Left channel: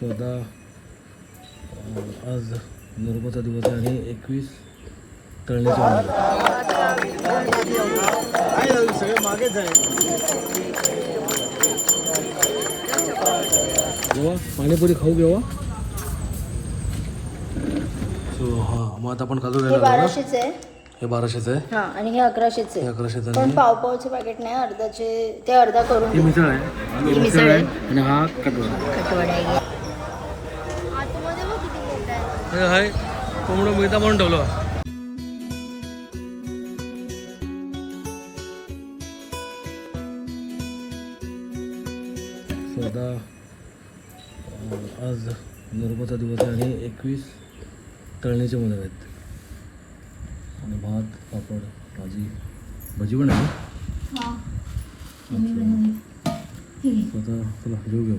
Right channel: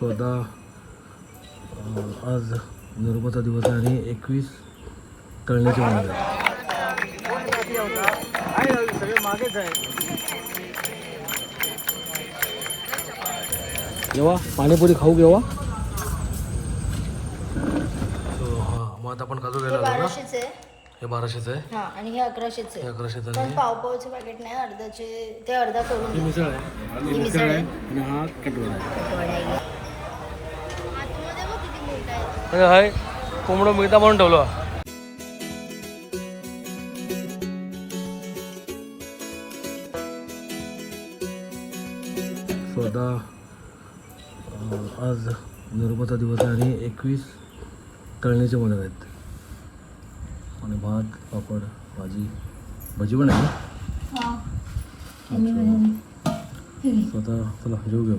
स्वतः आज नर्मदा दिवस आहे आणि एकवीस तळण्याचे जेव्हा पाणीपुरी खाऊ घेवा. सो हां मग आता आपण काजू हे घ्यायला लागलो ना? बाराशेच आहे. हे बाराशेचं आहे? हा आणि हे अकराशेच हे आहे अकराशेचं पण आणि पाव पावचे पॅकेट नाही अर्धाचे ते अर्धा करून ही मिसळ आहे. ही मिसळ आहे. आणि हा कटवडा आहे. खटवडा आहे. हाय हाय कोंबडं मिळता म्हणून ठेवलं. स्वतः अं, आज नर्मदा दिवस आहे आणि एकवीस तळणीचे मदत आहेत. आणि भात पापड भाजी भाजी पण आहे? स्वतः चला जेऊ घेऊ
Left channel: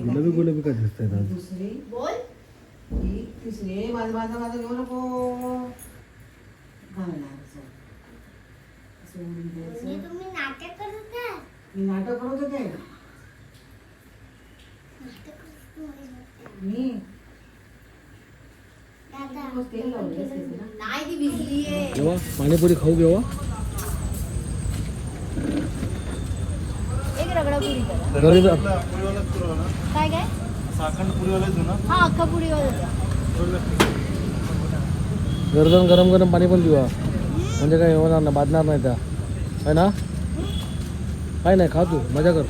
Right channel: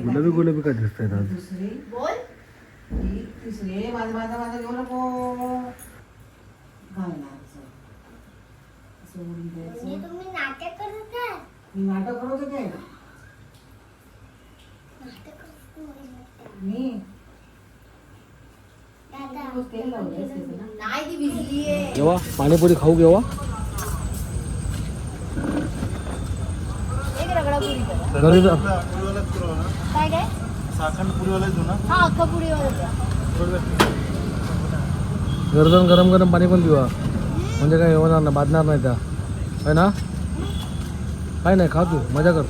गुलाबी गुलाबी काय दिसत आहेत आज दुसरी बोल. तिसरी माझा माझा माझा घेऊ नको. घालणार असं. असं उडून द्यायचं. तुम्ही नाटक करत काय मी नाटक करत होते. मी? तेल लावलंय. त्याचं. नाही ती भिजली आहे जेव्हा पाणीपुरी खाऊ घेवा. घरी काय काय? हा अख्खा पुरी वाला गरजून गरम गरम पाणी पण पिवा. म्हणजे काय होणार ना बाधणार नाही त्या. आहे ना? काय नाही खा तू मजा कर.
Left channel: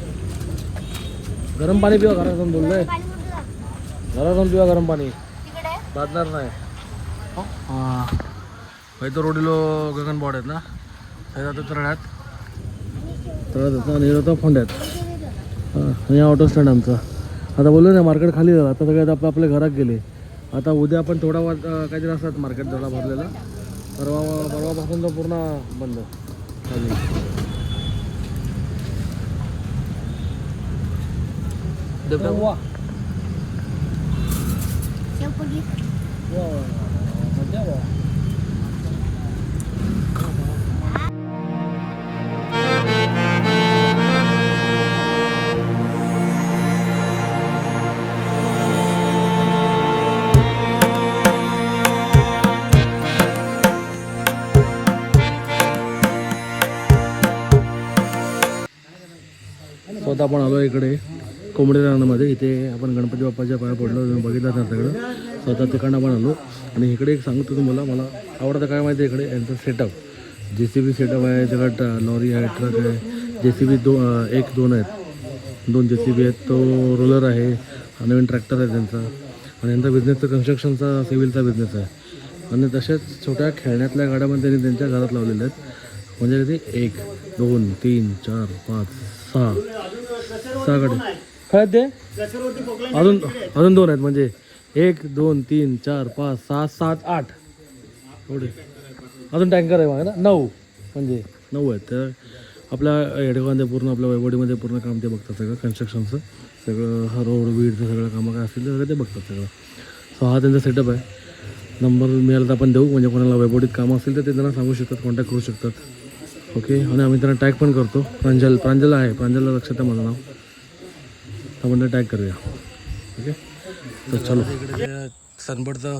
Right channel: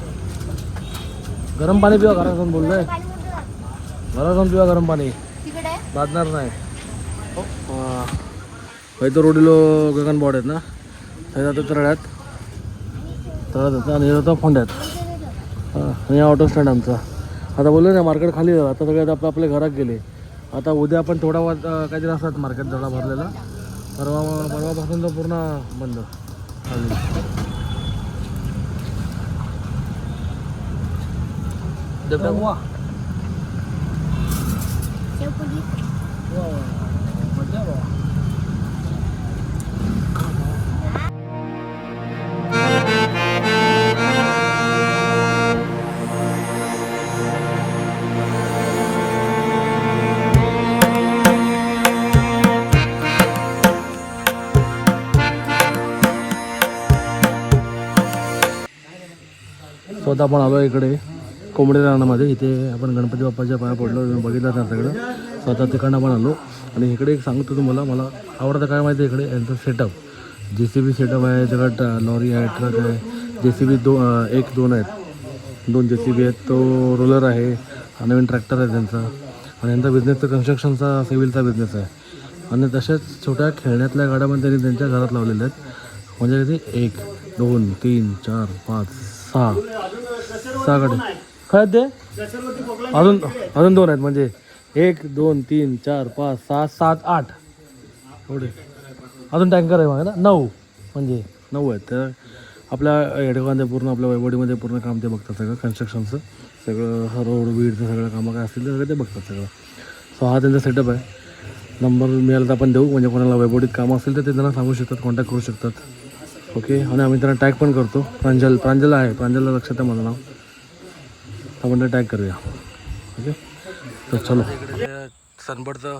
गरम पाणी पिवा घरात जाऊन बोललोय घरात जाऊन पिवा गरम पाणी. बाधणार नाही. खंय रोडीलो गगन बोर्ड आहेत ना. जातो तळ्यात. तळ्यात आणि फोंड्यात. हां आणि ऑटो स्टँड आमचा. आता बोललो ना मार्केट खाली झालं. आता सगळे आपलं आपल्या घरात गेले. आता उद्या आपण थोडा वाज काहीतरी असतात मार्केट थोडा भरलेला. परवा परवापासून तो पूर्ण बंद. आता आपण आलो इकडे कोंबडे रानामध्ये. इथे आपण गणपती बाप्पाच्या पाया पडलो बघितला बघितलं त्या सगळं. स्वतः तिकडनं आपण आलो. आणि इकडे एक सांगतो तुम्हाला मला आवडतं काय माहिती आहे इकडे? यांचं सेटअप जे सी बी सेटअप आहे त्याच्यात लॉरी आहे ट्रक आहे. जे सी बी दो एक दोन आहेत. दोन जे सी बी आहेत. तो रोलर आहे नवीन ट्रॅक्टर आहे त्यांचा. आणि यांचा बिझनेस तर कन्स्ट्रक्शनचा सिव्हिलचा बिझनेस आहे. आणि तसेच छोट्या खेळण्यातल्या गाड्या पण त्यांनी त्यांच्या घरात लावलेल्या आहेत. म्हणजे किती? एक दोन तीन चार पाच सहा. सहाकडे काय ते? अजून अजून दोन आहेत म्हणजे एक दोन तीन चार पाच सहा सात आठ. एवढे. अजून टँकर आहे बघा ना नऊ. म्हणजे नऊ आहेत. तर आपल्या हेडकांमध्ये पूर्ण आपल्या वैवडीमध्ये पूर्ण काम ते बघतात सगळं कन्स्ट्रक्शनचं सगळं हा रोड बीडचं सगळं कामं काय असतील ते सगळं ते बघतात सगळं. सो हा त्यांचा सेटअप आहे. नंबर मिळाला तर आपण देऊ. म्हणजे कोणाला वैभवडीत कामं असतील तर ते त्यांना सांगू शकतात कॉन्टॅक्ट करू शकतात. ओके आणि आम्ही त्यांना टॅग पण करतो. प्रांजल प्रांजल आहे. प्रांजलला लक्षात आहे माझं नाव. आपण टॅग करूया. ओके तर चलो. सनबर्डचं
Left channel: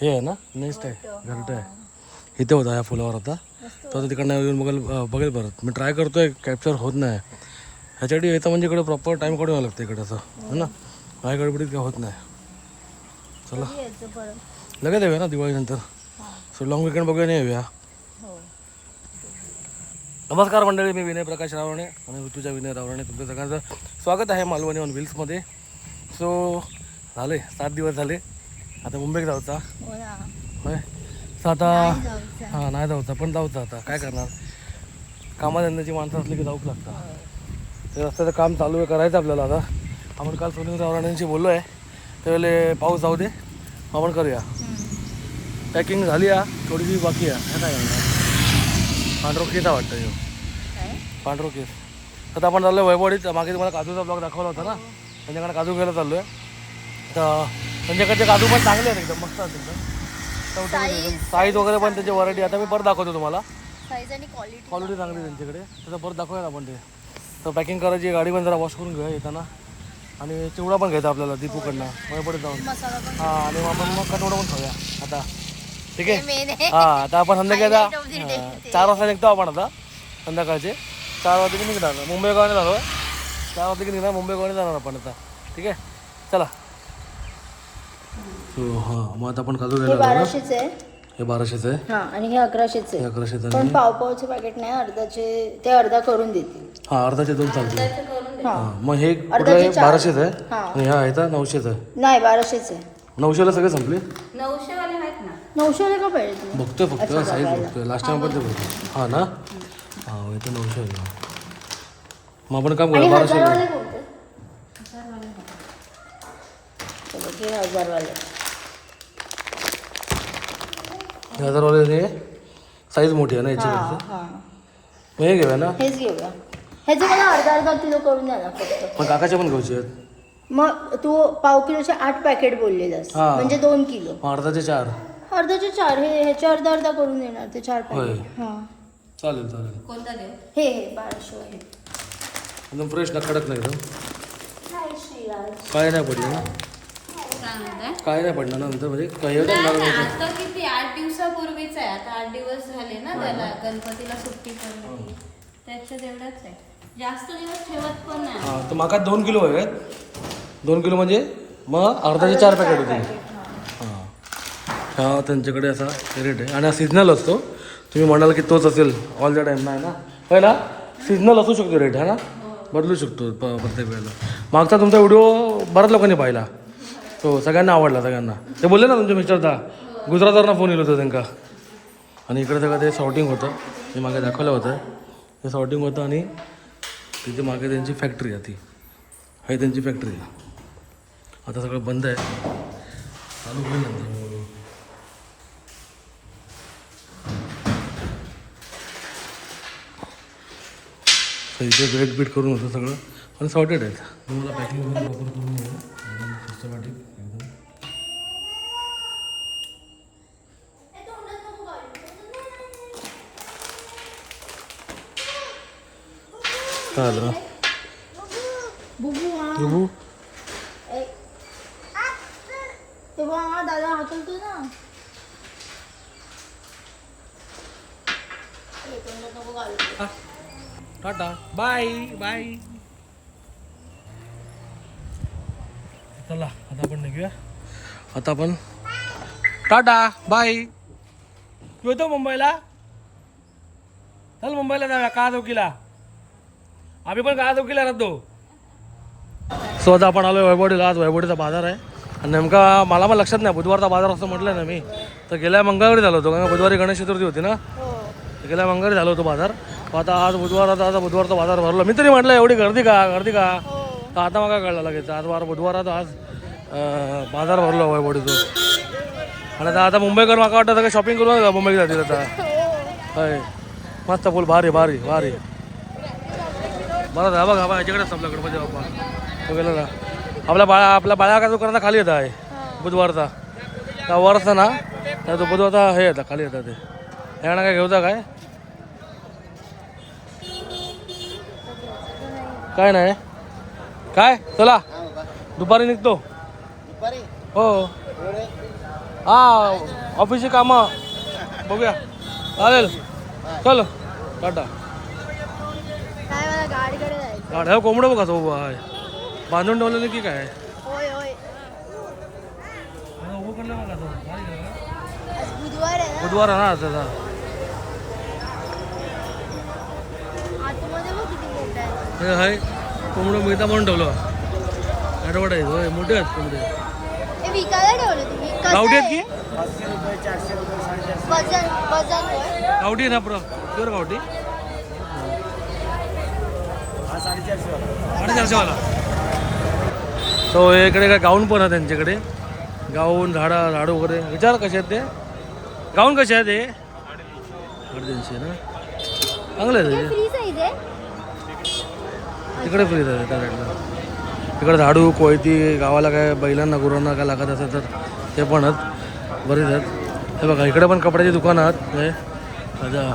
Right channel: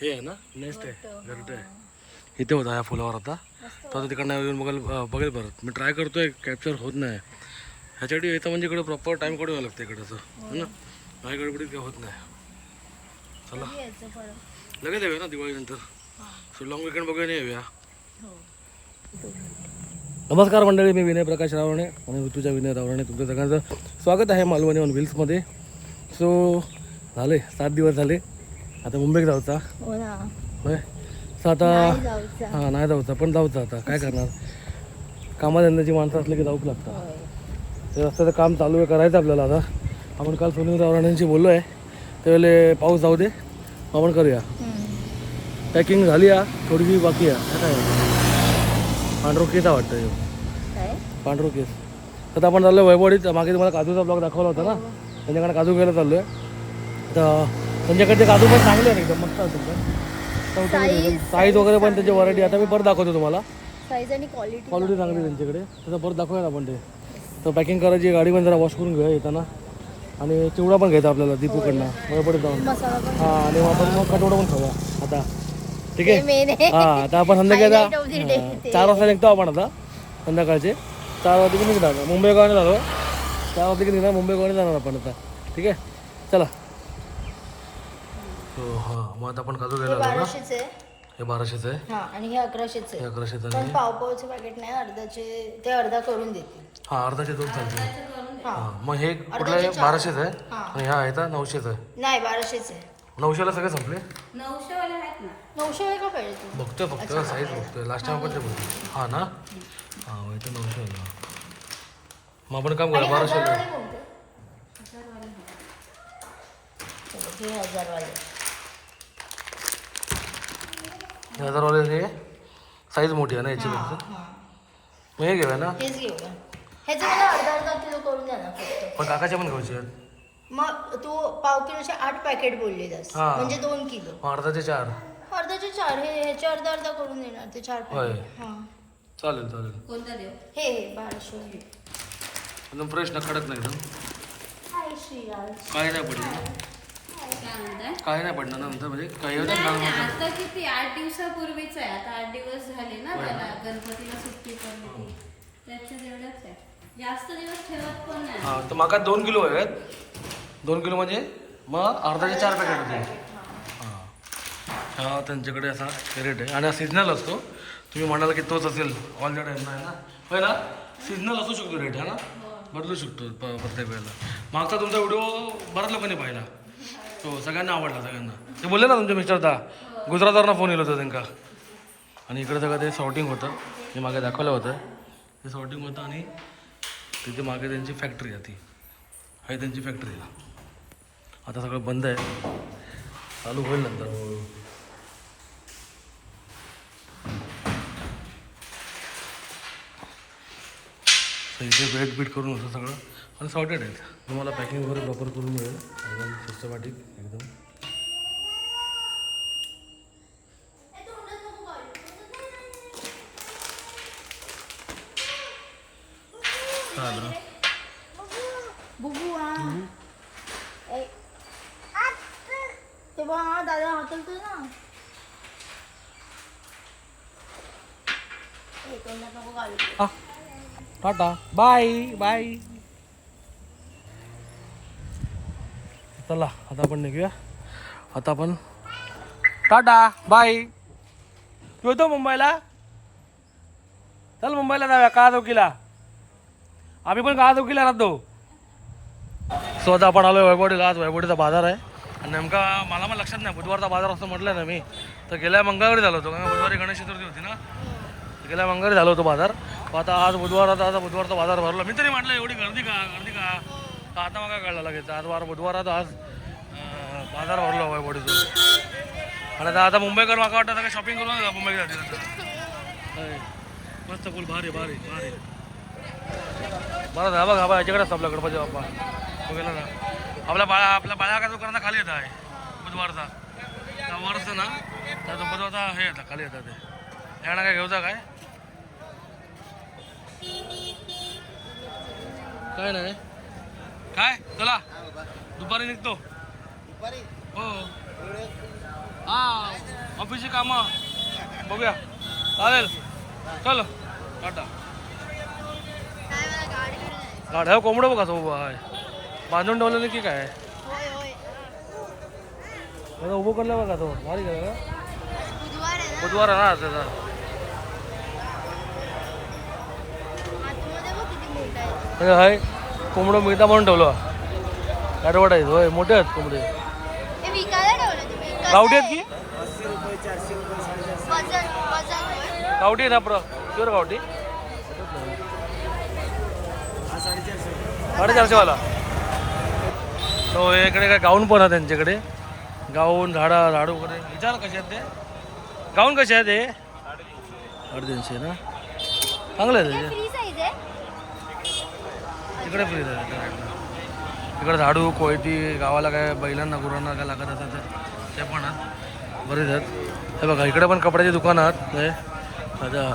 हे आहे ना नेस्ट आहे घंट आहे. इथे होता ह्या फुलावर आता. तो आता तिकडनं येऊन बघेल बघेल परत. मी ट्राय करतोय कॅप्चर होत नाही. ह्याच्यासाठी येतं म्हणजे इकडे प्रॉपर टाईम काढून यावं लागतं इकडे असं. है ना? काय गडबडीत काय होत नाही. चला. लगेच येऊया ना दिवाळीनंतर? सो लॉंग विकेंड बघूया नाही येऊया. नमस्कार मंडळी मी विनय प्रकाश रावणे आणि ऋतुजा विनय रावणे तुमच्या सगळ्यांचं स्वागत आहे मालवणी ऑन व्हील्समध्ये सो झाले सात दिवस झाले. आता मुंबईत जाऊचा. हो होय? सो आता हां नाही जाऊचा पण जाऊचा आता. काय करणार? कामाधंद्याची माणसं असले की जाऊच लागतात. ते रस्त्याचं काम चालू आहे करायचं आपल्याला आता. आपण काल सुनील रावराण्यांशी बोललो आहे त्यावेळेला पाऊस जाऊ दे आपण करूया. पॅकिंग झाली आहे थोडीशी बाकी आहे. काय पांढरो केस आहे वाटतं ह्यो. पांढरो केस. आता आपण चाललो वैभवडीत. मागे तुम्हाला काजूचा ब्लॉग दाखवला होता ना? त्यांच्याकडे काजू घ्यायला चाललो आहे तर त्यांच्याकडचे काजू पण चांगले आहेत एकदम. मस्त एकदम. साईज वगैरे पण त्याची व्हरायटी आता मी परत दाखवतो तुम्हाला. क्वालिटी चांगली आहे. त्यांच्याकडे. त्याचं परत दाखवूया आपण ते. तर पॅकिंग करायची गाडी पण जरा वॉश करून घेऊया येताना. आणि चिवडा पण घ्यायचा आपल्याला दीपूकडनं. वैभवडीत जाऊन. हां आणि मग आपण मग कटवडा पण खाऊया. आता. ठीक आहे? आहे हा आता आपण संध्याकाळी Highlight of the day. आता चार वाजता निघतो आपण आता संध्याकाळचे. चार वाजता की निघणार? मुंबई गावाने झालो चार वाजता की निघणार? मुंबई गावाने जाणार आपण आता. ठीक आहे? चला. सो हां मग आता आपण काजू घ्यायला आलो ना? बाराशेच आहे. हे बाराशेचं आहे? हा आणि हे अकराशेच हे आहे अकराशेचं पावचे पॅकेट नाही अर्धाचे ते अर्धा करून देतील हां अर्धाचे दोन चालतील. हा हां मग हे कुठलं आहे? बाराशेचं आहे? आणि हा आहे तर नऊशेचं आहे. नाही बाराशेच आहे. नऊशेला सगळे संपले? नऊशे का पाहिजे तुला बघतोय फक्त साईज बघतोय. लास्ट टाइम पण ते बघतो हां ना? हां इथं नऊशे मग आपण काम करूया बाराशेला. हे हजारवाले हे साईज मोठी आहे ना याची फक्त हा. मग हे घेऊया ना? हेच घेऊया. ह्याचं मला अर्धा अर्धा किलो करून द्या ना फक्त. पण काकाचे पण घ्यायचे आहेत मग तू पाव किलोचे आठ पॅकेट बोललेलास. हा. म्हणजे दोन किलो. अर्धाचे चार. अर्धाचे चार. हे ह्याचे अर्धा अर्धा करून येणार ते चार होय. पॅकेट हा. चालेल चालेल. हे हे बाराशे आहे एकदम फ्रेश ना कडक नाही एकदम काय नाही पडलं ना? काय नाही पडणार ना नंतर म्हणजे काही आता किती? आठ दिवसापूर्वीच आहे. आता आठ दिवस झाले ना त्याला. गणपतीला सुट्टी पडली ती. त्याच्यात एवढंच आहे. जास्त दिवस ठेवत पण नाही. हां तर माका दोन किलो हवे आहेत. दोन किलो म्हणजे मग अर्धाचे चार पॅकेट होते हां. हा त्यांच्याकडे असा रेट आहे. आणि हा सिजनल असतो. तुम्ही म्हणाल की तोच असेल. ऑल द टाईम नाही ना? होय ना? सिजनल असू शकतो रेट है ना? बदलू शकतो प प्रत्येक वेळेला. मागचा तुमचा व्हिडिओ बऱ्याच लोकांनी पाहिला. तो सगळ्यांना आवडला सगळ्यांना. ते बोलले ना तुमचे मिस्टरदा गुजरातवरनं फोन येलो होता त्यांना आणि इकडे सगळं ते सॉर्टिंग होतं. हे मागे दाखवलं होतं. ते सॉर्टिंग होतं आणि तिथे मागे त्यांची फॅक्टरी आहे ती. आहे त्यांची फॅक्टरी आता सगळं बंद आहे. चालू होईल नंतर. तर इथे वेट बीट करून होतं सगळं. आणि सॉर्टेड आहेत. तुम्हाला पॅकिंग वगैरे प्रॉपर करून मिळेल एकदम सिस्टमॅटिक झालं बुबू. तेव्हा दादा हाकलतो ना. टाटा. Bye bye. चला आता आपण निघूया. आता आपण टाटा बाय. तू येतो मुंबईला. चल मुंबईला जाऊया का चौकीला आम्ही पण का चौकीला राहतो. सो आता आपण आलो वैभवडीला आज वैभवडीचा बाजार आहे. आणि नेमका मला पण लक्षात नाही बुधवारचा बाजार असं म्हटलं ना मी. तर गेल्या मंगळवारी झालो होतो कारण बुधवारी गणेश चतुर्थी होती ना? गेल्या मंगळवारी झालो होतो बाजार. आता आज बुधवार आता आता बुधवारचा बाजार भरला. मी तरी म्हटलं एवढी गर्दी का गर्दी का? तर आता मग काय कळलं लगेच. आज वार बुधवार आता आज बाजार भरलो वैभवडीचं. आणि आता आता मुंबईकर मला वाटतं सगळं शॉपिंग करून जा मुंबईत जातील आता. मस्त फुल भारी भारी भारी. मला झालं बघा बा याच्याकडेच आपला गणपती बाप्पा. बघायला ना. आपल्या बाळा आपल्या बाळा का दुकानाचा खाली येत आहे? बुधवारचा. त्या वरचा ना त्या तो बुधवारचा हे येतात खाली येतात ते. यांना काय घेऊचा काय? काय नाही. काय? चला. दुपारी निघतो. हो. हा ऑफिसची कामं. बघूया. चालेल. चल. टाटा. गाड्या कोंबडं बघा तो उभा आहे बांधून ठेवलेलं की काय? होय होय. उभं करलं बघा तो. भारी बुधवार आहे ना? त्याचा. हे आहे कोंबडं मिळता म्हणून ठेवलं. ॲडव्हर्टाईज होय मोठे आहेत कोंबडे. गावठी आहेत आहे? की? होय. गावठी आहे ना प्र? प्युअर गावठी? साडेचारशे वाला तो इकडे काय गाऊन पण आहे त्यांच्याकडे. गाऊन झाडा झाडू वगैरे. विचार कसे आहेत ते? गाऊन कसे आहेत ते साडेतीनशे ना? चांगले ते. आहे. तिकडे फ्री आहे त्या साईडला तिकडे झाडू कोयती गावाला काय बैलांना गुरांना काय लागत असेल तर ते पण आहेत. बरेच आहेत. हे बघा इकडे पण कपड्याची दुकानं आहेत. हे अच्छा.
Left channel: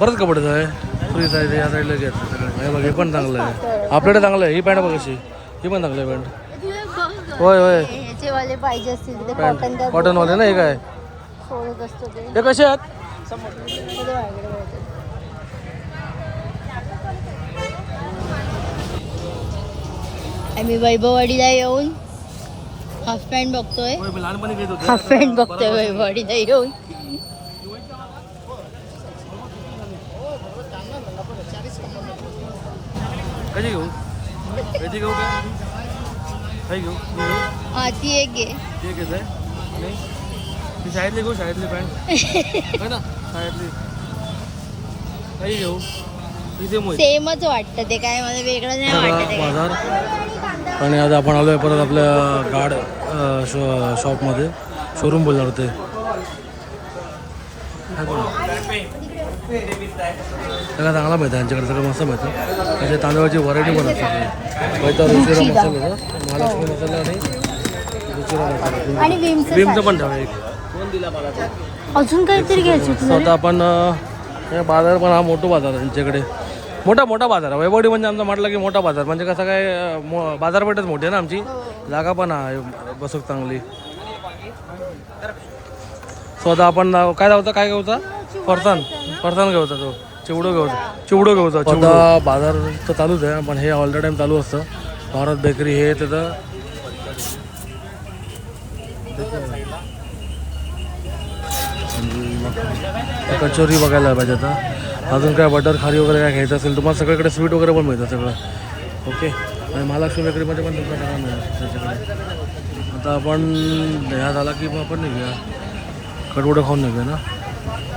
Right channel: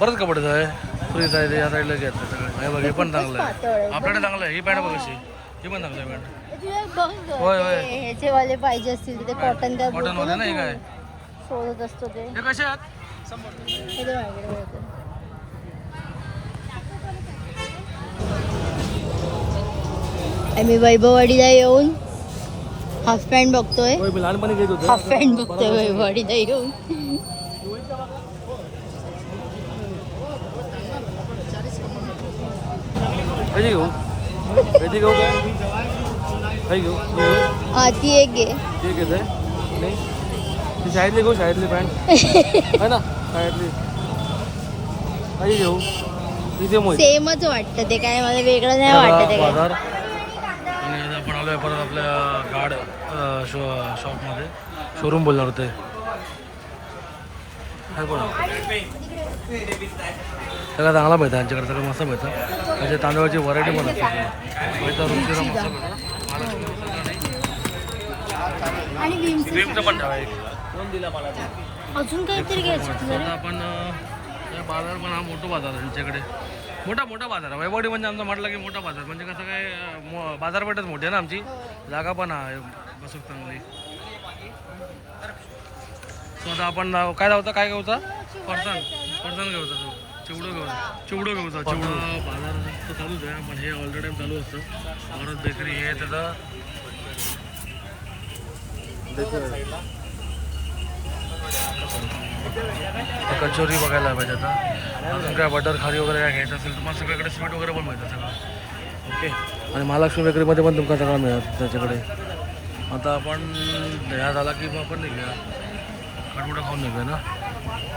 बरंच कपडेच आहे फ्रीज आहे. ते या साईडला सगळे हे बघ हे पण चांगलं आहे. आपल्याकडे चांगलं आहे. ही पॅन्ट बघ कशी ही पण चांगली आहे पॅन्ट. होय होय. ह्याचे वाले पाहिजे असतील ते कॉटन पॅन्ट कॉटनवाले ना हे काय? सोडत असतो ते. ते कसे आहेत? हे ते माझ्याकडे होते. आम्ही वैभववाडीला येऊन हाफ पॅन्ट बघतोय. होय मी लहानपणी घेत होते. हाफ पॅन्ट बघतोय वैभववाडीला येऊन. कशी घेऊ? कधी घेऊ काय? काही घेऊ? घेऊ? हा ती एक घे. ठीक आहे ते नाही ती शाळेतली घेऊ शाळेतली पॅन्ट? आहे ना? शाळेतली. काही घेऊ? तिथे मोहित सेमच वाटतं ते काय मला वेगळं नाही वाटत आहे काय. बाजार. आणि आता आपण आलोय परत आपल्या गाड अं, शॉ शॉपमध्ये. शोरूम बोलणार होते. काय कोण? सगळं चांगला मिळतं यांच्याकडे सगळं मस्त मिळतं त्याच्या तांदळाची व्हरायटी पण असते. सगळी पहिला रुचिरा मसाला होता. मसाला आणि रुचिरा मसाला क्रीमचं पण ठेवा एक. अजून काहीतरी घ्यायचं स्वतः आता आपण हे बाजार पण हा मोठा बाजार आहे यांच्याकडे मोठा मोठा बाजार आहे. वैभवडी म्हणजे आमचा म्हटलं की मोठा बाजार. म्हणजे कसं काय बाजारपेठच मोठी आहे ना आमची. जागा पण आहे. बसूक चांगली. स्वतः आपण काय लावता काय घेऊचा फरसाण. फरसाण घेऊचा तो. चिवडं घेऊचा चिवडं घेऊचा आता बाजार तर चालूच आहे पण हे ऑल द टाइम चालू असतं. भारत बेकरी हे त्याचं ते कचोरी बघायला पाहिजे आता. अजून काय बटर खारी वगैरे काय घ्यायचं असेल तुम्हाला सगळीकडे स्वीट वगैरे पण मिळतं सगळं. ओके आणि महालक्ष्मी बेकरीमध्ये पण तुम्हाला सगळं मिळतं त्याच्याकडे. आता आपण ह्या झाला की मग आपण निघूया कडवडं खाऊन निघूया ना.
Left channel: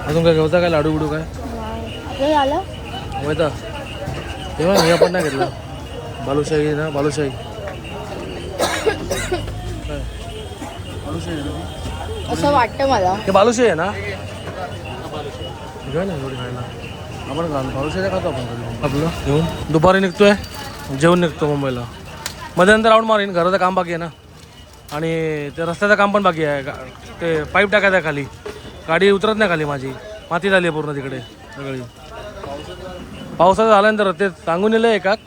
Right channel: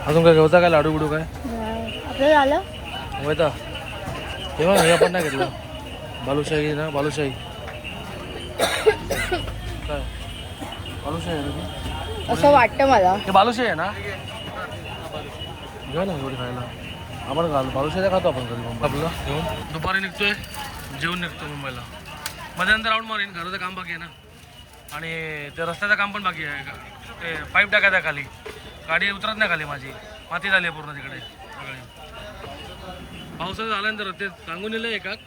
अजून काय घेऊचा काय लाडू बिडू काय? आपलं झालं माहिती तेव्हा हे आपण नाही घेतलं. बालुशाही ना बालुशाही. काय? बालुशाही आहे ना ती? असं वाटतं मला. हे बालुशाही आहे ना? घेऊया ना एवढी खायला. आपण घाल बालुशाही खातो आपण कधी पण आपलं घेऊन. दुपारी निघतोय. जेवून निघतो मुंबईला. मध्यंतर राऊंड मारीन. घराचं काम बाकी आहे ना. आणि ते रस्त्याचं काम पण बाकी आहे. गा- ते पाईप टाकायचं आहे खाली. गाडी उतरत नाही खाली माझी. माती झाली आहे पूर्ण तिकडे. सगळी. पावसाचं झाल्यानंतर ते सांगून दिलं एकात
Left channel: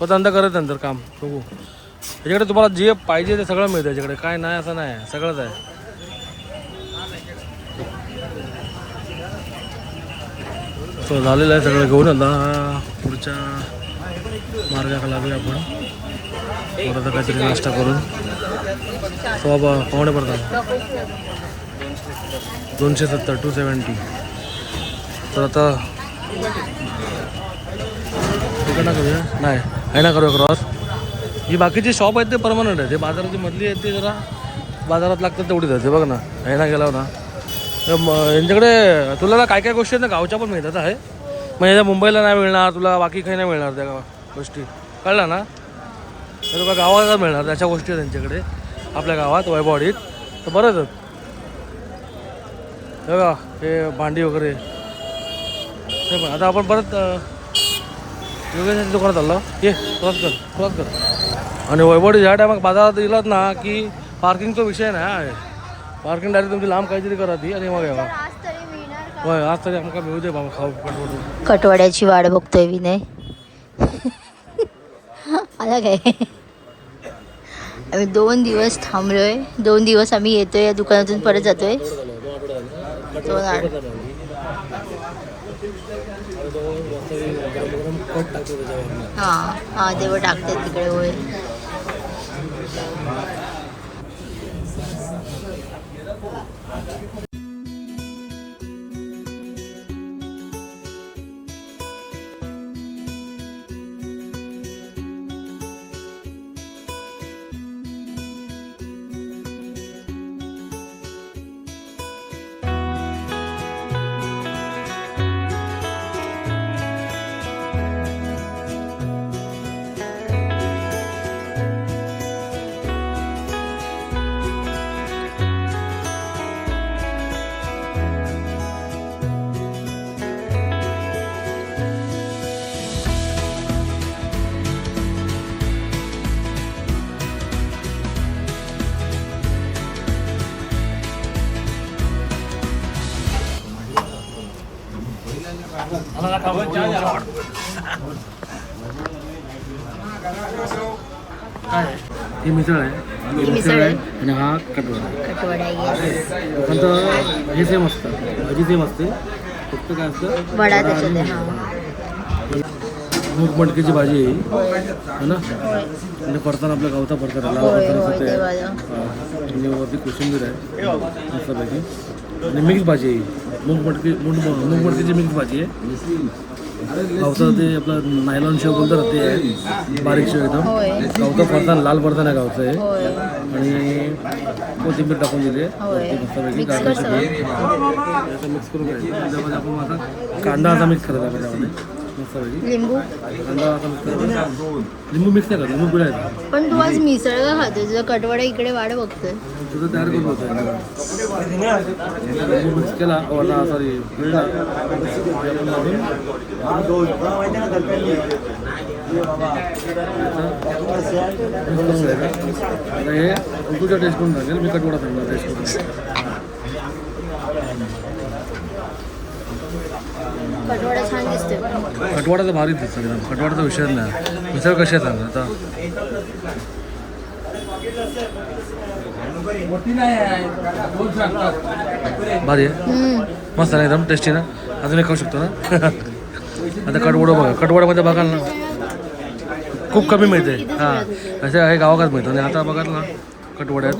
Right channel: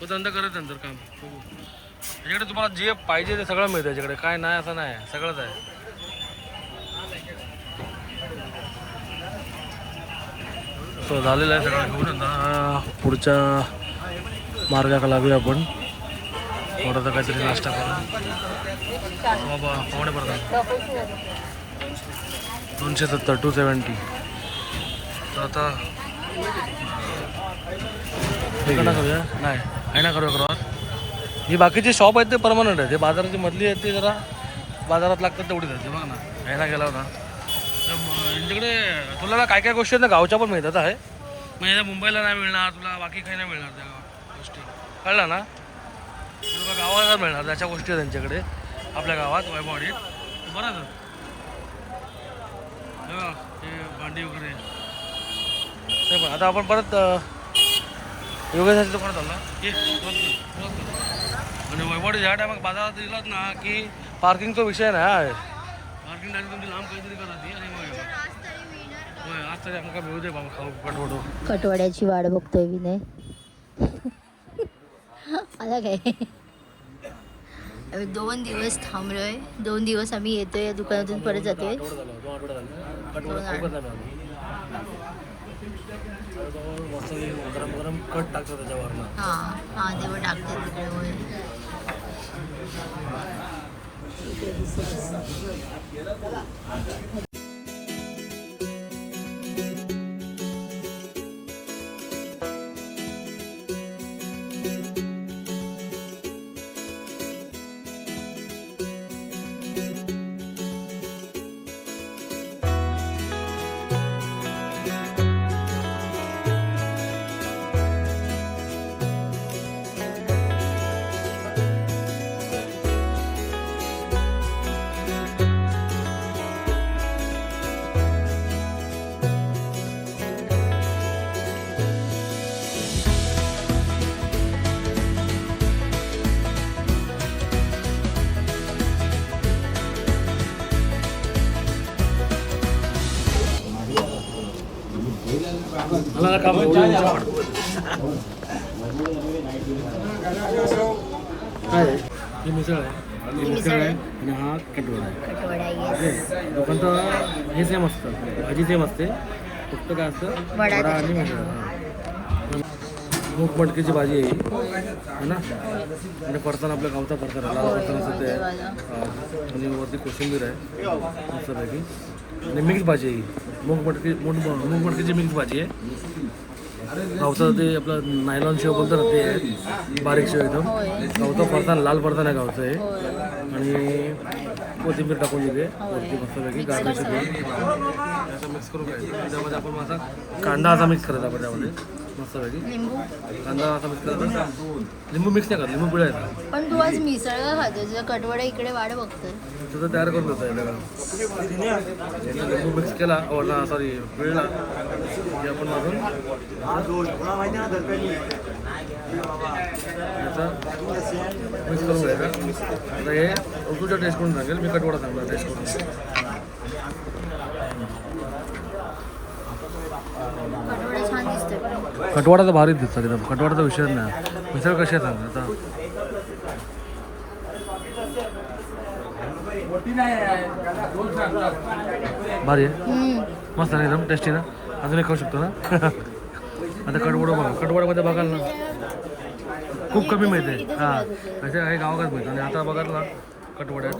पण धंदा करत नंतर काम. बघू. त्याच्याकडे तुम्हाला जे पाहिजे ते सगळं मिळतं त्याच्याकडे काय नाही असं नाही. सगळंच आहे. सो झालेलं आहे सगळं. घेऊन आता पुढच्या मार्गाला लागूया आपण. परत काहीतरी नाश्ता करून. सो बाबा पाहुणे पडतात. दोनशे सत्तर टू सेवन्टी तर आता तिकडनं करूया? नाही. आहे ना करूया क्रॉस ही बाकीची शॉप आहेत ते परमनंट आहे ते बाजाराची मधली आहेत ते जरा बाजारात लागतात तेवढीच आहे बघ ना. आहे ना गेला ना. यांच्याकडे तुला काय काय गोष्टी आहेत ना गावच्या पण मिळतात आहे. मग याच्या मुंबईला नाही मिळणार तुला बाकी काही नाही मिळणार त्या गावात गोष्टी. कळलं ना? तर तुला गावाला मिळणार त्याच्या गोष्टी आहेत त्यांच्याकडे आपल्या गावात वैभवाडीत तर बरंच हे हे भांडी वगैरे. ते पण आता आपण परत योगेशाच्या दुकानात आलो ये क्रॉस कर क्रॉस कर. आणि वैभवडी ज्या टायमात बाजारात दिलात ना की पार्किंगचा विषय नाही आहे पार्किंग डायरेक्ट तुमची लांब काहीतरी करा ती आणि मग यावा होय आज तरी आमका मिळू दे बाबा खाऊ कटवटू. कटवड्याची वाट बघतोय विनय. आला काय? आम्ही दोन दिवस थांबलोय. दोन दिवस आम्ही येतोय या दुकानातून परत जातोय. दोन आठ. हा हा तेव्हा टाकतात तिकडे होय. काम काय? ही मिसळ आहे. ही मिसळ आहे आणि हा कटवडा. आहे कटवडा पण तर हे सेम असतं. भाजी सेम असते. फक्त काय असतं? वडा आणि. मूग मटकीची भाजी आहे ही. है ना? आणि परताना आपला गावचा परताना लाल परताना असं ते. आणि वरती कोशिंबीर आहे. मस्तपैकी. आणि मिक्स भाजी आहे. मूग मटकी मूग मूग मटकीची मिक्स भाजी आहे. गावचं ते आपलं नायलॉन शेव बोलतं ना ते आहे. बारीक शेव एकदम. गावचा परताना लाल परताना आहे गावचं आहे आणि कोथिंबीर टाकून दिली आहे. वरती मस्तपैकी गार्निश असं मिक्स करून घ्यायचं. त्यामध्ये आपण असा कांदा असा मिक्स करायचा आपण त्यामध्ये. मस्तपैकी लिंबू? कांदा असा मिक्स करायचा लिंबू मिक्स नाही करत लिंबू पिळायचा पण तू आज मिसळ का खाते तुझं कटवडा इकडे वाट बघतोय. तुझं तयार करून होतं लिंबू मिक्स केला वरला सॉरी पिळला. की आपण मधून मिक्स करून घ्यायचा. आता हे तुझ्या टेस्ट करून सांगेल मी कटवडा सांगणार टेस्ट करून. पण कटवाडाचा भारीच दिसतं एकदम. कटवाडाचा विषय नाही मिसळ कशी आहे सांग आता? भारी आहे. मस्त आहे ना एकदम टेस्टी ना? अजून एक खाऊ शकतो ना? आता कटवडं बघा. कटवड्यामध्ये बघाल ना. खूप कमी मिळते. हां. असे आहे गावाकडे मिळतं. आणि आता बघाल ना कटवड्यात.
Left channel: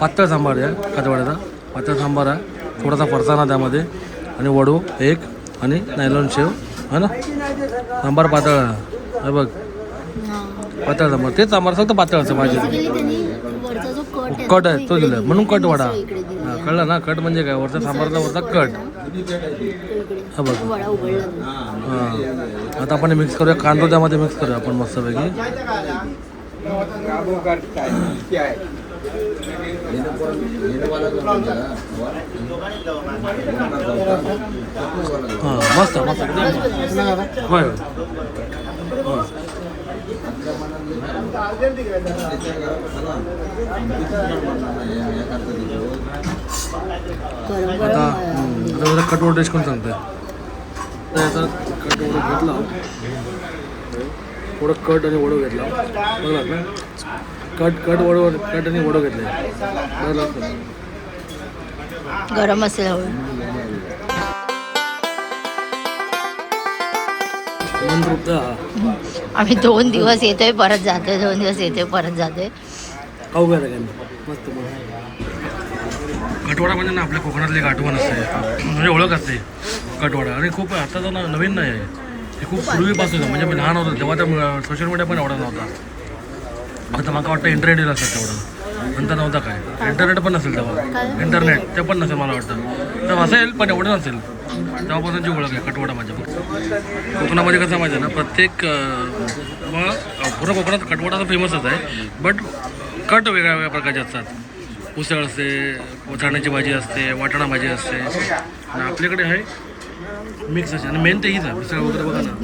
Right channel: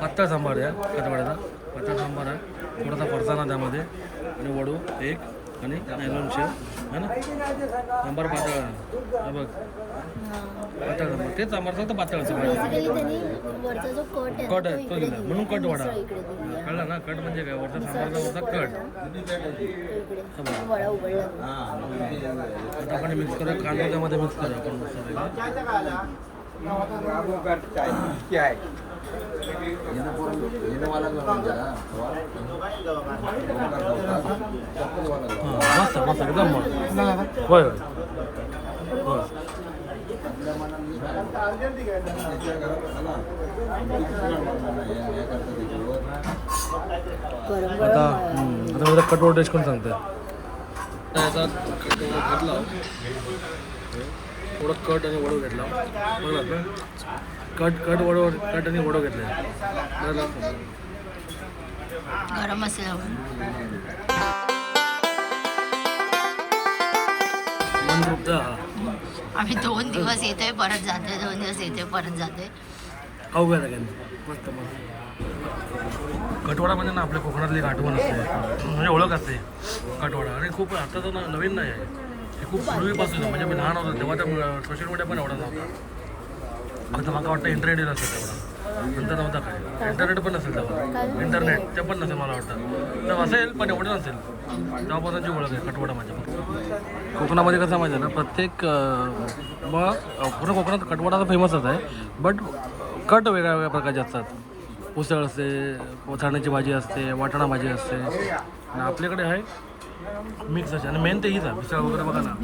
पातळ सांबार आहे कटवड्याचा. पातळ सांबार आहे. थोडासा फरसाणा त्यामध्ये. आणि वडू एक. आणि नायलॉन शेव है ना? सांबार पातळ. आहे. हे बघ. हा. पातळ सांबार. तेच सांबार फक्त पातळ जो कट आहे कट आहे तो दिला म्हणून कट वडा. हां कळलं ना? कट म्हणजे काय? वरचा सांबारचा वरचा कट. हा बघ. हां. आता आपण मिक्स करूया. कांदा त्यामध्ये मिक्स करूया आपण मस्तपैकी. हां मस्त मस्त एकदम मस्त होय होय आता आता मला कटवर टेस्ट करून सांगते तर याचा कटवर घेतला थोडं कट आणि ओढं घेतला बघलात ना कट कट वडो कट आणि वडो घेतले. गरम असेल आम्ही दोन दिवस येतोय परत जातोय. दोन दिवस येतोय परत जातोय. खाऊ घ्या मस्त कटवाडा म्हणजे ना आपल्या कोकणातली एक आठवण असते. म्हणजे ओळख असते. कटवाडा. आणि खूप आता तर ना नवीन नाही आहे. हे खूप पूर्वीपासून. म्हणजे मी लहान होतो तेव्हा तर सोशल मीडिया पण एवढा नव्हता. आता मला वाटतं इंटरनेट येईल असं तेवढा. नंतर नव्हता काय. इंटरनेट पण नसेल तेव्हा. इंटरनेट ते पण नसेल मला वाटतं. तेव्हा असेल पण एवढं नसेल. तेव्हापासूनची ओळख आहे कटवाडा माझ्या फक्त. कोकणामध्ये कसं माहिती आहे ना प्रत्येक मग पूर्ण कोकणात कटवाडा तर फेमसच आहे. बट कट वेगळ्या वेगळ्या प्रकारचे असतात. उसळ असते चण्याची भाजी असते वाटाणा भाजी असते. आणि आपल्याकडे आहे मिक्स असे आणि मेन ते हीच आहे. मिसळ वगैरे बघा ना.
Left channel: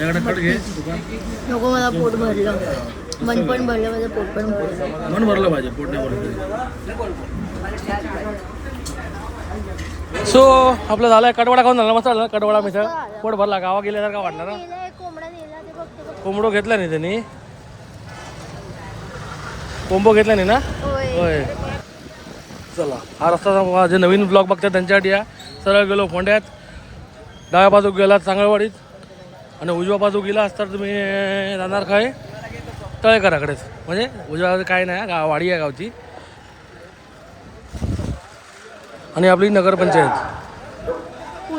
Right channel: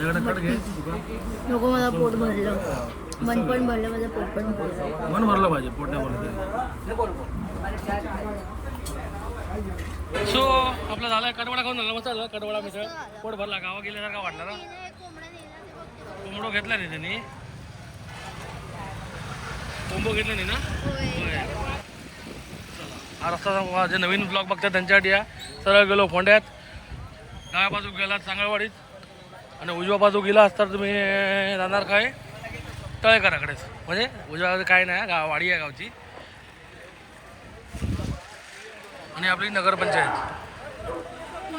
नको मला पोट भरलं. मन पण भरलं माझं पोट पण भरलं. मन भरलं पाहिजे पोट नाही भरलं सो आपलं झालं कडवडा खाऊन झाला. मस्त झालं कडवडा मिसळ? पोट भरला. गावा गेल्यासारखा वाटला ना? कोंबडो घेतला नाही त्यांनी. कोंबो घेतला नाही ना? होय. चला हा रस्ता जे नवीन ब्लॉग बघतात त्यांच्यासाठी या. सरळ गेलो फोंड्यात. डाव्या बाजूक गेला चांगळवाडीत आणि उजव्या बाजू गेला असता तुम्ही जाणार काय? तळेकराकडेच म्हणजे उजव्या बाजू काय नाही गाव वाडी आहे गावची. आणि आपली नगरपंचायत.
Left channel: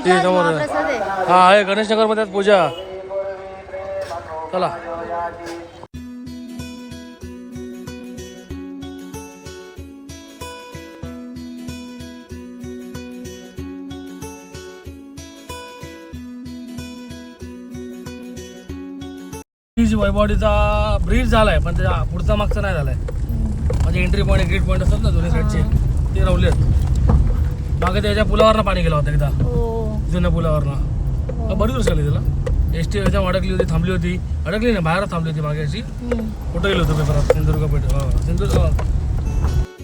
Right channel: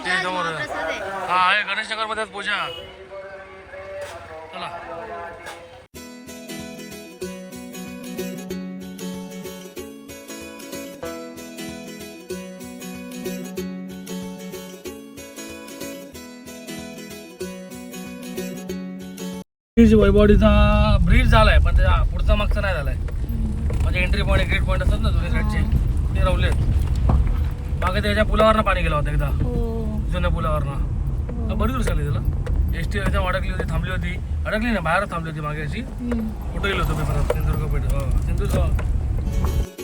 ती समोर हा आहे. गणेश नगरमध्ये पूजा. चला. वैभवडीचा ब्रिज झालाय पण त्याच्या पुढचा मागचा नाही झालाय. म्हणजे एंट्री पॉईंट एक्झिट पॉईंट असतात ना दोन्ही साईडचे ते रवले मागे त्याच्या पुलावरनं पाणी गेलं होतं एकदा. हो. जुन्या पुलावरनं. बरीच वर्ष आली त्याला. एस टी याच्या अडकली होती थांबली होती. अडकली नाही बाहेरच थांबली होती मागे अशी. कुठं गेलो होतो पेपरात? सिंधुदुर्ग पेठ हा सिंधुदुर्ग.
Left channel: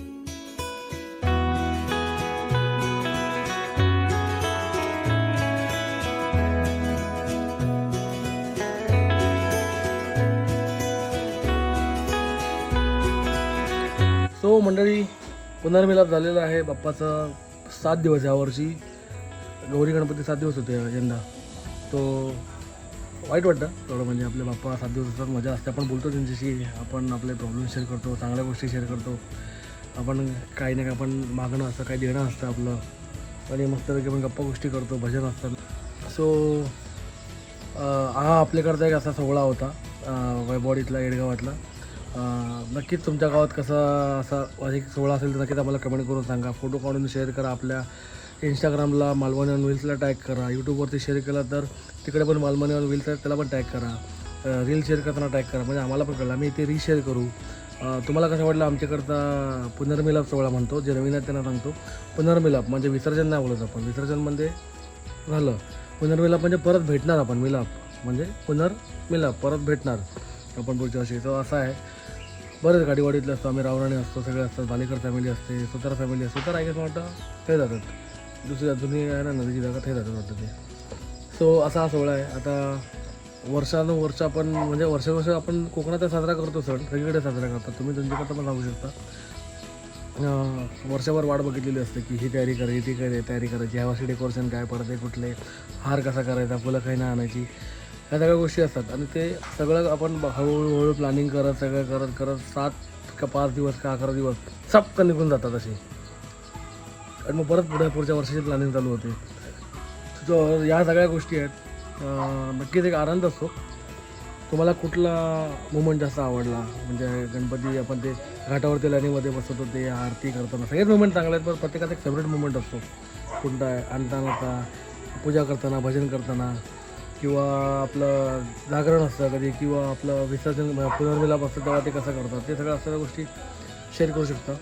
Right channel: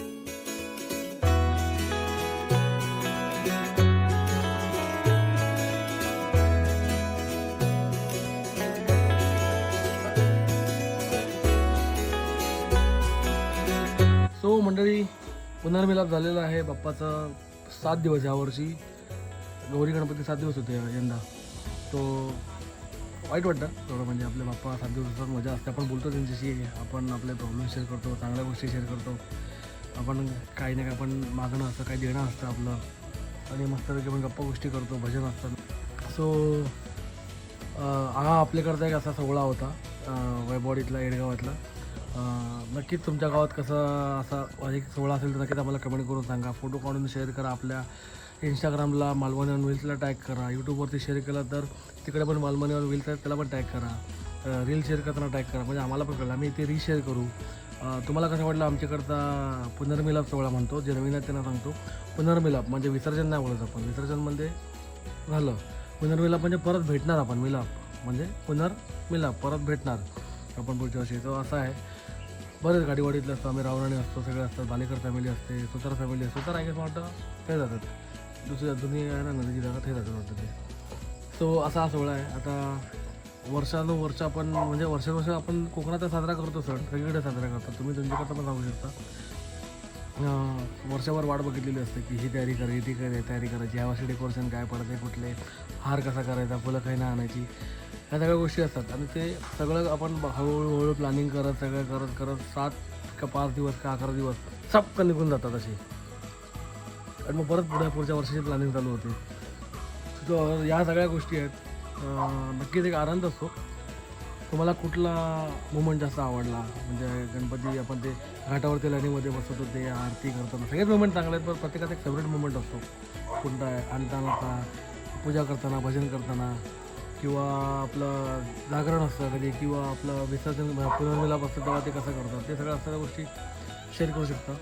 झालेलं आहे बाप्पाचं सात दिवस यावर्षी गौरी गणपती सात दिवस होते यंदा. तो वाईट वाटतं थोडं म्हणजे आपले बाप्पा सात दिवस असतात मजा असते. आपण बोलतो त्यांच्याशी आपण आपले प्रॉब्लेम शेअर करतो चांगल्या गोष्टी शेअर करतो. आपण काही ना काही आपण मागणं असतं काही देणं असतं आपलं. आणि मस्तपैकी आपण गप्पा गोष्टी करतो भजन असतात सो हा आपल्याकडचा एक असा सोहळा होता वैभवडीतला येडगावातला नक्कीच तुमच्या गावात कसा असा अधिक सोहळा असेल तर नक्कीच आम्हाला कमेंट करून सांगा. फोटो काढून शेअर करा आपल्या इंस्टाग्रामला मालवणी ऑन व्हील्सला टॅग करा यूट्यूबवरती शेअर केला तर तिकडे पण मालवणी ऑन व्हील्स आहेत त्याला पण टॅग करा. रील शेअर करताना टॅग करा. म्हणजे आम्हाला पण कळलं. आम्ही ते रीशेअर करू. तुम्हाला कसं वाटलं? आमच्याकडचा पुनर्मिलाप सोहळा म्हणतो. जे नवीन आहे त्यांना सांगतो. पुनर्मिलाप म्हणजे विसर्जन नाही बोलत आपण. विसर्जन म्हणजे झालं. पुनर्मिलाप म्हणजे परत भेटणार आपण. मिलाप म्हणजे पुनर्मिलाप. परत भेटणार. आपण पुढच्या वर्षी तो असा आहे. बरेच गाडीवाडीतले असतो. आम्ही रावणाने असतो सगळे असतात. बालेकर फॅमिली असते सुतार फॅमिली असते. तर आय वाटतं? ते जातात. दुसरी जुनी आहे ना नदीची जागा ते जातात वाटतं ते. सो असा हा सोहळा आहे. आता वर्षानुवर्ष आपण म्हणजे वर्षानुवर्ष आपण कोकणात साजरा करतो सण. सगळीकडे साजरा करतात तुम्ही तुमच्याकडं पण सांगू शकता. वर्षभर वाट बघितलेली असते की ही तयारी करायची ती काय तयारी करायची यावर्षी डेकोरेशन काय पडते कुठले हार कसा करायचा फुलं काही ना आणायची. ह्या सगळ्या गोष्टी असतात. आणि ते सगळं आपण हळूहळू हळू प्लॅनिंग करत सगळं करत करत सात का पाच दिवस का अकरा दिवस सपकन निघून जातात असे. आणि मग परत पुढे पुढच्या वर्षाची प्लॅनिंग चालू होते. तर या सगळ्या गोष्टी आहेत. नक्कीच एक आनंद असतो. तुम्हाला कुठला मुमेंट जास्त आवडला? म्हणजे गणपती आपण ते घाटावरती लाईनीमध्ये बसवतो ते आरती करताना. सगळेच मुमेंट चांगले आहेत पण प्रत्येकाचा एक फेवरेट मुमेंट असतो. कोणता आहे आणताना पूजा करताना भजन करताना. किंवा आपलं जागरण असतं कधी किंवा आपलं विसर्जन म्हणजे पुनर्मिलाप असतं तेव्हा ते कसं करतात? ते सगळ्या असणाऱ्या गोष्टी शेअर करू शकता.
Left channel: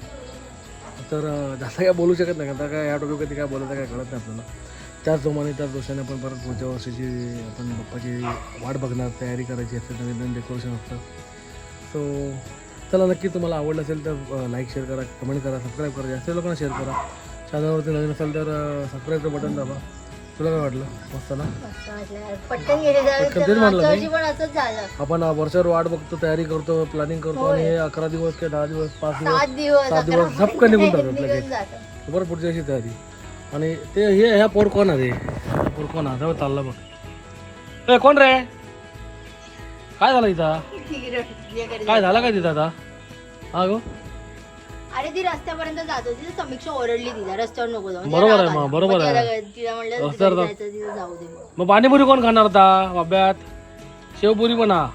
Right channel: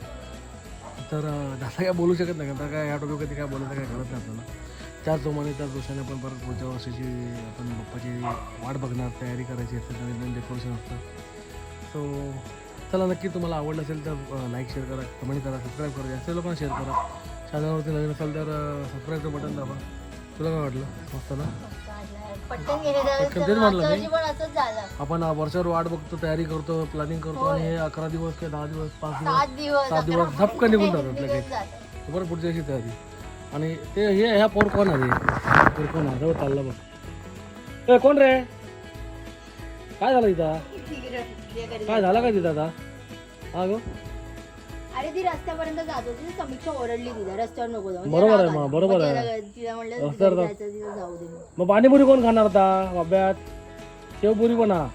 तर जास्त काय बोलू शकत नाही आता काय या कधी काय बोलायचं काय कळत नाही आपल्याला. त्याच जोमाने त्याच दोषाने आपण परत पुढच्या वर्षीची आपण बाप्पाची वाट बघणार तयारी करायची असते नवीन नवीन डेकोरेशन असतं. सो चला नक्की तुम्हाला आवडलं असेल तर लाईक शेअर करा कमेंट करा सबस्क्राईब करा जास्त लोकांना शेअर करा. चॅनलवरती नवीन असेल तर सबस्क्राईबचं बटन दाबा. तुला काय वाटलं? मस्त ना पटकन गेले पटकन तेच तर म्हणलं मागच्या मी. वर्षी पण असंच झालं. आपण वर्षावर वाट बघतो तयारी करतो प्लॅनिंग करतो आणि हे अकरा दिवस किंवा दहा दिवस पाच दिवस सात दिवस सात अकरा दिवस झपकन निघून जातात लगेच. जातं. बरं पुढच्या वर्षी तयारी. आणि ते हे ह्या पोर कोण आहे पोर कोण आहे? जाऊ चालला बघ. ए, कोण रे? काय झालं इथं? काय झालं काय तिथं आता? हा गो? अरे ती रस्त्यापर्यंत जात होती. तर समीक्षा ओरडली तिला. रस्त्यावर नको जाऊ. बरोबर आहे मग, बरोबर आहे. तिला म्हणलं रस्त्यावर तिला जा. जायचं, तिला जाऊ दे मग. पाणीपुरी कोण खाणार आता? अभ्यात शेवपुरी पण हा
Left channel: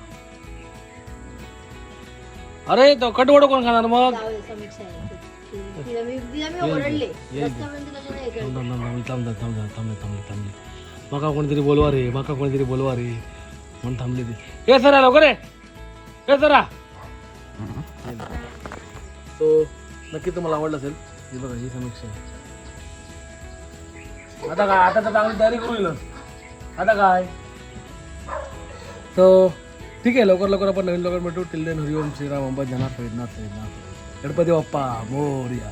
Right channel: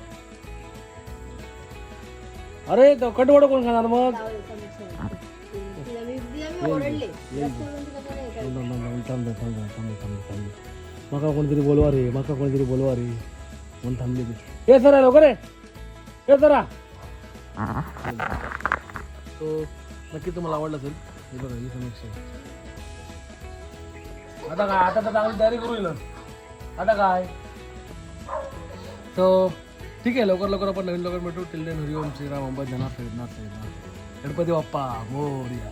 अरे तो कटवड कोण खाणार मग? बघा कोणतरी बोलवा रे बघा कोणतरी बोलवा रे म्हणून थांबले ते. ए सरा लवकर ये. ए सरा. तो नक्की तुम्हाला आवडलं असेल. समीक्षा. आता काय? आता तर चांगली तयारी करू आता काय? तो ठीक आहे लवकर लवकर आपण नवीन लवकर भेटू. टिल्लेन हरिओम श्रीराम अंबा जनार्थ गणपती बाप्पा मोर्या.